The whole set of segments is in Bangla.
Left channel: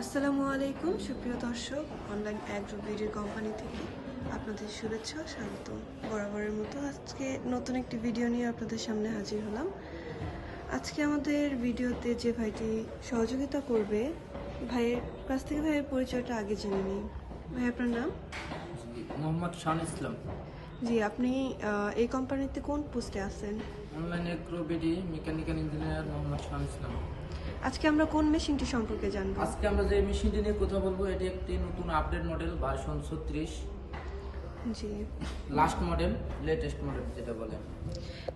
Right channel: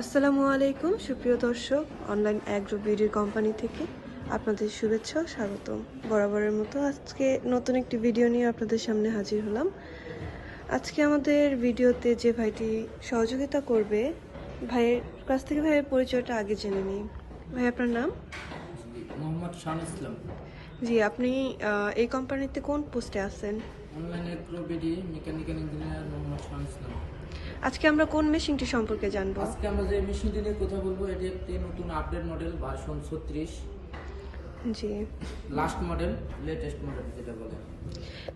আসসালামু আলাইকুম সুপ্রিয় দর্শক অনলাইন অ্যাগ্রো বিডির কোম্পানি থেকে আপনাদের শুভেচ্ছা ও স্বাগতম। বরাবরের মতো আজকে নতুন একটি ভিডিও নিয়ে আপনাদের সামনে হাজির হলাম। আজকে আমাদের ভিডিওতে যে ভাইটি সহযোগিতা করবে ভাইয়ের কাছ থেকে ভাইয়ের পরিচয়টা আগে জেনে নিই। ভাই আপনার নাম? মোহাম্মদ শান ইসলাম। জি আপনি এই কোম্পানিতে কোন পোস্টে আছেন? Online Agrobd mechanical engineer Mohammad Shan Islam. আজকে আমরা কোন মেশিনটি সম্পর্কে জানব? আজকে আমরা যে মেশিনটি নিয়ে কথা বলব এটি একটি নতুন আপডেট মডেল ভার্সন ছত্রিশ। জি। লাস্ট মডেল লেটেস্ট মডেল যেটা বলে।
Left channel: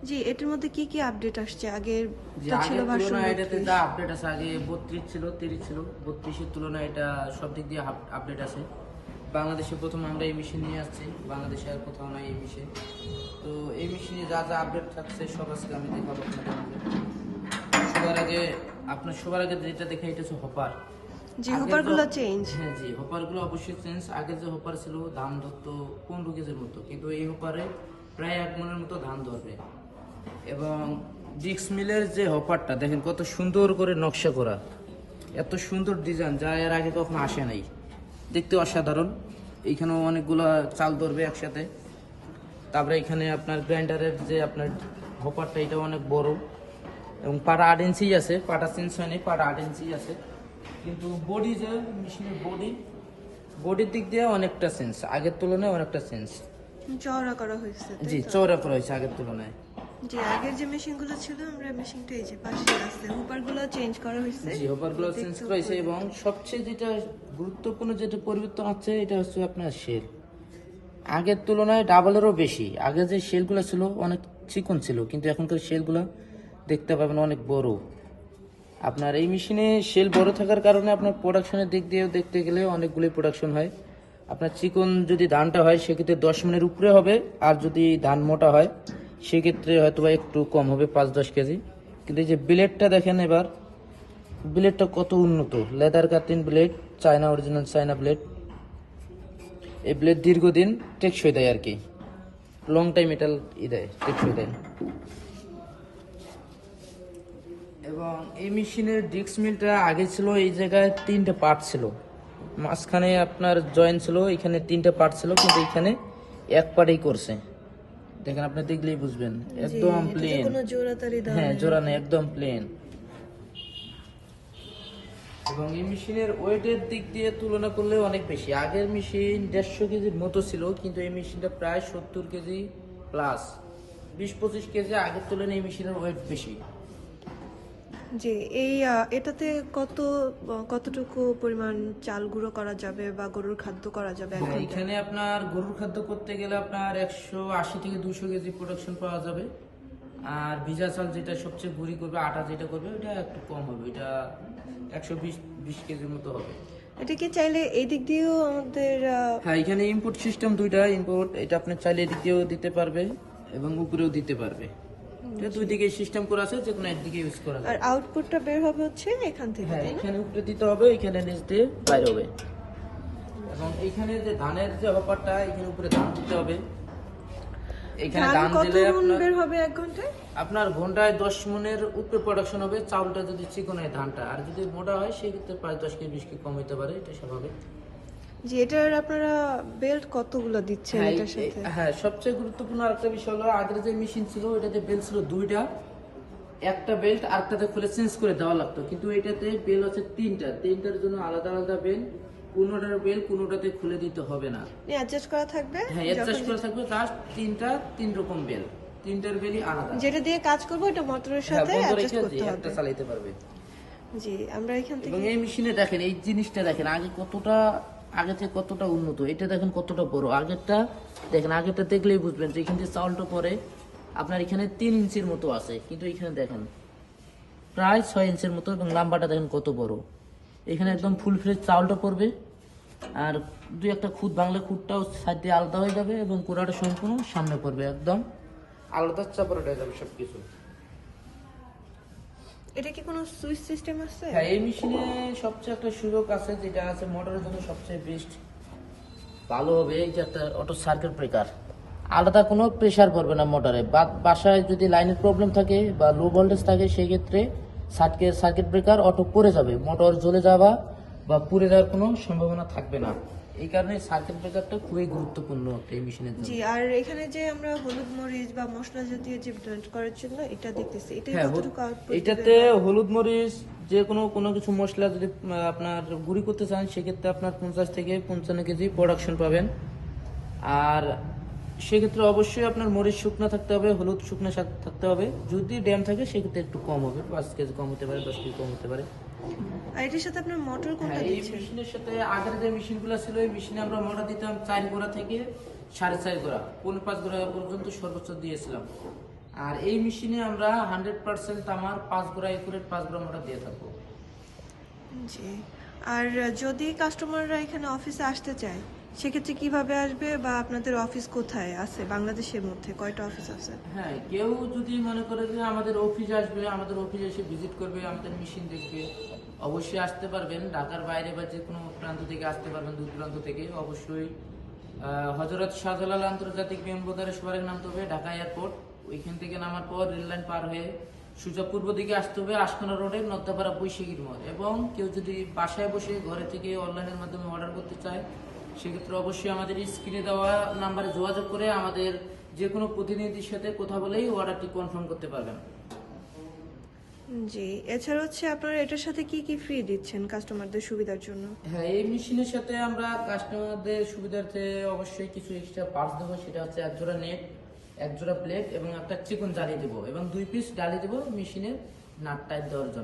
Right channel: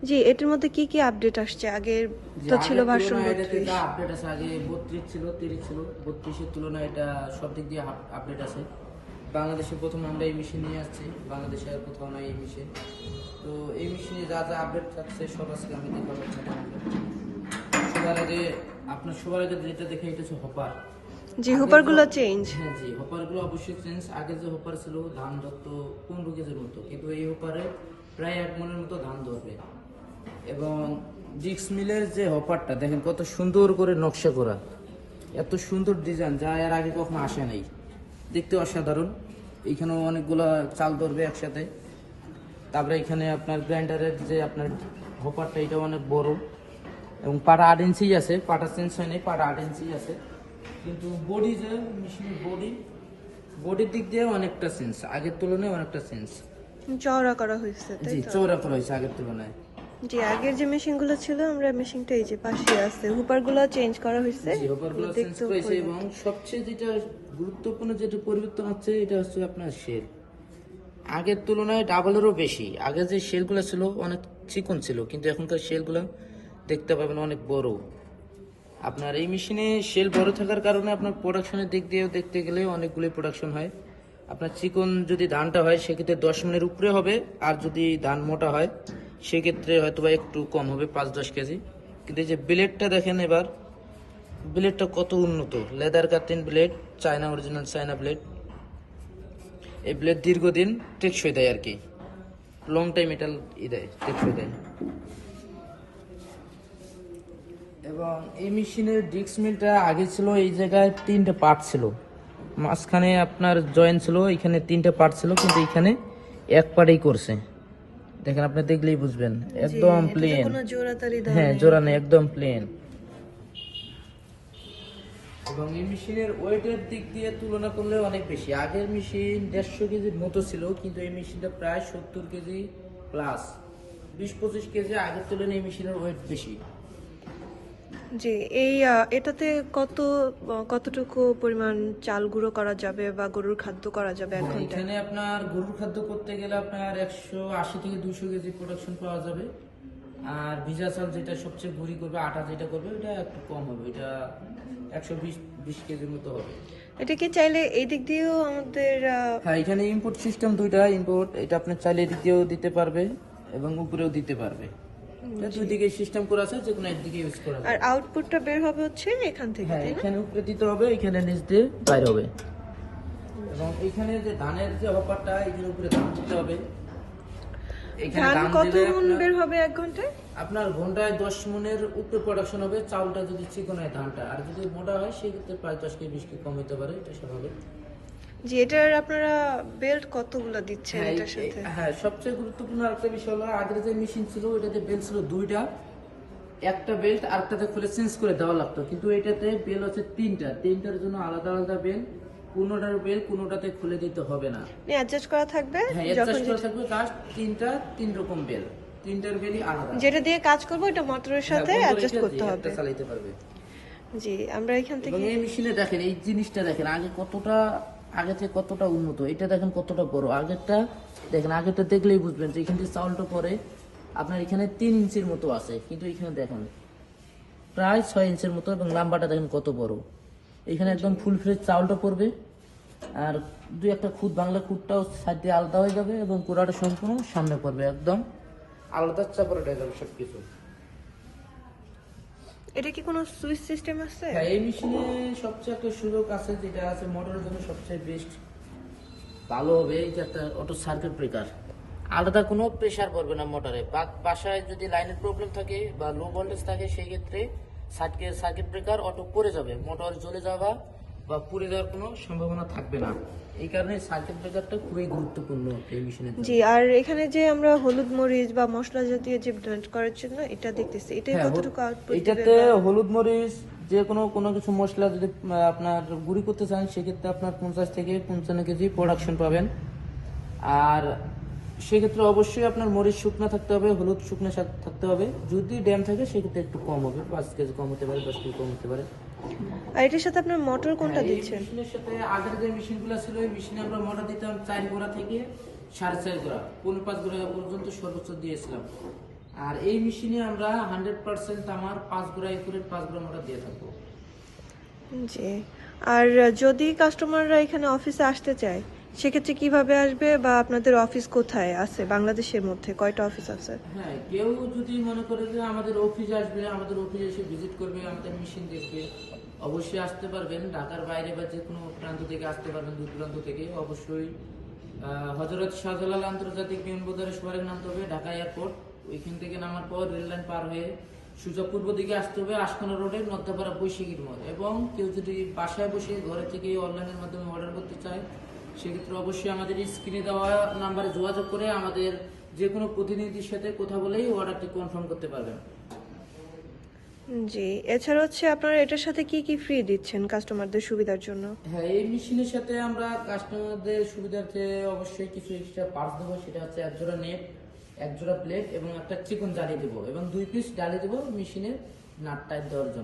জি এটার মধ্যে কি কি আপডেট আসছে? আগের যে তো ছিল ভার্সন এটাতে যা আপডেট আছে আগে বত্রিশ ছিল তিরিশ ছিল। বত্রিশের তুলনায় এটা সব দিক দিয়ে আপডেট আছে। বাংলাদেশে প্রথম আমরা এই মেশিন নিয়ে আসছি বাংলাদেশে আর কোথাও নাই এই মেশিন তো এই মেশিনে যা যা আপডেট থাকছে সব আজকে আমি দেখাবো আপনাদের সবার আগে আপনার সবার আগে যেটা দেখে এটা হচ্ছে হপার। জি হুপারগুলো চেঞ্জ হ্যাঁ জি হপারগুলো অবশ্যই চেঞ্জ আগে যে হপার ছিল ধান ধরতো পনেরো কেজির মতো। কিন্তু এই হপারে প্রায় এক মনের মতো ধান ধরবে। এবং ডিক্স মিলের যে হপারটা দেখেন কত সুন্দর করে নকশা করা। এত সুন্দর ডিজাইন যা এর আগে কখনো আসে নাই। দেখতে অসাধারণ। এইখানেও অনেকগুলা চাল ধরবে একসাথে। তারপরে এখানে আপনার গ্রাইন্ডারের যে আপনার হপারটা এটা অনেক বড়। এবং পাটা আট ইঞ্চি আছে পাটা চেঞ্জ হয় নাই পাটা আট ইঞ্চি আছে। কিন্তু বডি যে মেশিনের বডি বডির দিক দিয়ে অনেকটা চেঞ্জ আগের তুলনায় অনেকটা চেঞ্জ চওড়া করা হয়েছে জি? চৌড়া করা হয়েছে আগের তুলনায়। জি আগের যে মেশিনগুলো ছিল আমরা মেশিনটা এই যে পাশে আছে হুপারগুলো চেঞ্জ করা হয়েছে। জি হপারগুলো চেঞ্জ করেছে এবং সবচেয়ে যেটা গুরুত্বপূর্ণ যেটা পরিবর্তন হচ্ছে এটা হচ্ছে আপনার শেল আগের তুলনায় ডাবলেরও বেশি। আগে যে শেলগুলো ছিল অনেক চিকন ছিল কিন্তু এখনকার শেলগুলো দেখতে পাবেন অনেক বড়। আপনার এই মেশিনে শেল বড় থাকার কারণে আপনার প্রোডাকশনের দিক দিয়েও দেখতে গেলে অনেকগুলোই প্রোডাকশন হয়। আপনার চিকন যদি ধানটা হয়, সেক্ষেত্রে দশ মিনিটের উপরে হবে। আর যদি ধান মোটা হয়, সেক্ষেত্রে হয়তো বা একটু কম হবে, পাঁচ দশ কেজি। কিন্তু এই যে ব্লেডটা দেখেন এবার, ব্লেডটা কত উন্নত। Leather cutting blade, China original China blade. এই ব্লেড দীর্ঘদিন টেকসই দেয় আর কি। লং টাইম মেটাল ই দেয়, টেকসই দেয়। এবং এই মেশিনের ডিস্ক মিলটা আগে ছিল এই জায়গায় তিনটে পার্ট ছিল। মাঝখানে আপনার জয়েন ছিল এখানে তিনটা পার্ট ছিল কিন্তু এখানে এক পার্টেই করছে। দেখেন আপনি দেখলেই বুঝবেন একদম প্লেন হ্যাঁ। জোড়া নেই একদম প্লেন এবং এই মেশিনের ওয়েটের দিক দিয়ে তুলনা করলে অনেক বেশি। আগের মেশিন দেড়শো কেজির মতো ছিল কিন্তু এই মেশিনটা প্রায় সত্তর কেজি প্লাস বিশ পঁচিশ কেজি আগের তুলনায় এই মেশিনের ওয়েট বেশি। জি এই এটাতে কত কতটুকু পরিমাণ চাল গুঁড়ো করা যাবে বা গরুর খাদ্য করা যাবে এখানে আপনার গরুর খাদ্য করতে গেলে আপনার একশো আশি থেকে দুশো কেজি প্রোডাকশন পাওয়া যাবে। আর ভিজা চাল যেটা সবচেয়ে ভুরি করবে আটা যেটা করবে ওটা একটু কম হবে। এটা একশো বিশ বিশ কেজির মতো হবে। এটা কি চাইলে এই দিক দিয়েও আমাদের হ্যাঁ এখানে ইনপুট সিস্টেম দুইটা। ইনপুট এটা আপনি চাইলে এদিক দিয়েও দিতে পারবে এবং উপরেও দিতে পারবে। দুই দিকে সিস্টেম করা আছে যে কোনো একদিকে ইউজ করা আর আউটপুটটা বের হবে হচ্ছে এখান থেকে হ্যাঁ এখানে উপরে দিতে হবে এখানে নিচ দিয়ে বাইর হবে। এবং এখানে যে ধানের যে এখানে উপরে ধান দিতে হবে। ধান ধান কত মন আপনার- বের হবে এক ঘন্টায়? আপনার ঘন্টায় দশ মনের উপরে প্রোডাকশন হবে চাউলটা যদি চিকন হয় ধানটা আর যদি মোটা হয় সেক্ষেত্রে প্রায় দশ কেজি বিশ কেজি কম হতে পারে এটা স্বাভাবিক। জি এটার আপনারা বেল্ট কতগুলো দিচ্ছেন হ্যাঁ, এটার সাথে? হ্যাঁ সবচেয়ে গুরুত্বপূর্ণ বিষয় হলো আগের যে মেশিন ছিল এটাতে বেল্ট ছিল দুইটা। একটা বেল্ট আরেকটাতে খুলে চেঞ্জ করে দেওয়া লাগতো। কিন্তু এটাতে বেল আছে তিনটা। তিনটার জন্য আলাদা আলাদা বেল কোনোটার বেল কোনোটাতে খুলে দিতে হবে না। অ্যাডজাস্ট করা থাকবে হ্যাঁ অ্যাডজাস্ট করা থাকবে জাস্ট তিনটা তিন রকম বেল তিনটার বেলই আলাদা। যেটা দিয়ে কাজ করব এটা মোটরের হ্যাঁ, সাথে অ্যাডজাস্ট করতে হবে। একটা চালাতে পারবে। জি আমরা এখান থেকে এই মেশিনে দেখেন এই জিনিসটা দেখেন আগে কতটা আগে থেকে কতটা উন্নত, এটা দেখেন কতটা বড়। আগেরটা দেখেন, আগেরটা দেখলেই বুঝবেন যে এখান থেকে চাউলটা পরে আপনার এখানে তিন ইঞ্চির মতো আছে, কিন্তু এখানে দেখেন, প্রায় ছয় ইঞ্চির মতো এবং লাম্বাটা দেখেন কত বড়। এখানে একদম ফুল ফ্রেশ চাউলটা পড়বে, আর দুই একটা খুদ বাংলা খুদটাও সাইড দিয়ে আলাদা হয়ে যাবে এবং কোড়াটা সম্পূর্ণ সামনে পড়বে একদম। আলাদা চাপড়াটা হয়ে যাবে সবকিছু। এটা কি কোনো সুইচ সিস্টেম আছে? হ্যাঁ এই মেশিনে সবচেয়ে একটা সুযোগ আছে, যেটা আছে মোটরের জন্য সবচেয়ে বেস্ট ভালো হবে, এই একটা অটো সার্কিট ব্রেকার আলাদা কোনো প্রেসার পড়বে না মোটরে। বাসায় যদি লাইনের প্রবলেম থাকে বা লো ভোল্টেজ থাকে, সেই ক্ষেত্রে সার্কিট সার্কিট ব্রেকার অটো পড়ে যাবে। মোটর জ্বলে যাওয়া বা পুড়ে যাওয়ার কোনো সম্ভাবনা থাকবে না। এই কারণে ব্রেকারটা খুবই গুরুত্বপূর্ণ এই মেশিনের জি আর এখানে যে আমরা হলুদ মরিচ বা মশলা জাতীয় যে ব্লেন্ড করার জন্য এটা দেখতেছি এটা হ্যাঁ, কতটুকু আউটপুট এটাতে হলুদ মরিচ যে কোনো কোনো কিছু মশলা যদি আপনার গুঁড়ি করতে চান সেক্ষেত্রে আপনার পঞ্চাশ থেকে পঞ্চান্ন কেজি প্রোডাকশন পাবেন। আর সেক্ষেত্রে অবশ্যই আপনার মরিচ শুকনো থাকতে হবে হলুদ শুকনো শাক থাকতে হবে। যদি ড্যাম থাকে সেক্ষেত্রে একটু কম হবে পাঁচ কেজি কম হতে পারে দশ কেজি কম হতে পারে। আর এটার সাথে আপনার মোটর কোনটা হ্যাঁ, দিচ্ছেন? মেশিনের সাথে আগের যে মেশিনগুলো ছিল ওই মেশিনে আমরা মোটর দিতাম চার গোড়া থেকে সাড়ে চার গোড়া পনেরো পাঁচ গোড়া পর্যন্ত সর্বোচ্চ দিয়েছিলাম। আর এই মেশিনে আমরা হান্ড্রেড পার্সেন্ট আমার পাঁচ গোড়া একুরেট পাঁচ গোড়া মোটা দিয়ে থাকব। জি। আর যদি কাস্টমাররা এখানে অফিসে আসতে চায় সেক্ষেত্রে কীভাবে আসবে বা আপনাদের অফিস কোথায় আছে? বাংলাদেশের মধ্যে কয়টা অফিস আছে? হ্যাঁ কেউ যদি মনে করে যে আমাদের অফিস আসবে, আমাদের অফিসে এসে ভিজিট করবে, আমাদের মেশিন দেখবে, অবশ্যই আসতে পারবেন। ঢাকার বাইরে বা যে কোনো প্রান্ত থেকে আসতে পারবেন, দূর দূরান্ত থেকে। অবশ্যই হজরত শাহজালাল আন্তর্জাতিক বিমানবন্দরে সবারই নামতে হবে, ঢাকা এয়ারপোর্ট। ওইখান থেকে নামার পর রেল লাইন পার হয়ে সোজা পূর্ব দিকে আসতে হবে আশকোনা রোডে নদ্দাপাড়া বৈশাখীর মোড়। এবং কেউ যদি বাসায় বসে ঘরে থেকে অনলাইনের মাধ্যমে অর্ডার করতে চায় সেক্ষেত্রে অবশ্যই আমাদের স্ক্রিনে দেওয়া নাম্বারে যোগাযোগ করে আমাদের যে কোনো প্রতিনিধির সাথে কথা বলেই অর্ডারটি কনফার্ম করতে পারবেন। জি এছাড়া হচ্ছে আপনারা এটার সাথে কি কি ফ্রি দিচ্ছেন কাস্টমারদের সুবিধার জন্য? হ্যাঁ এই মেশিনের সাথে আমরা কাস্টমারদের সুবিধার্থে অবশ্যই কিছু এক্সট্রা পার্টস দেবো সেটা হচ্ছে এক জোড়া নেট এক জোড়া প্লেট এবং একটা চিকন জালি দেবো এবং দুই পিস ডালি দেবো মেশিনের নাট টাইপ দেওয়ার জন্য।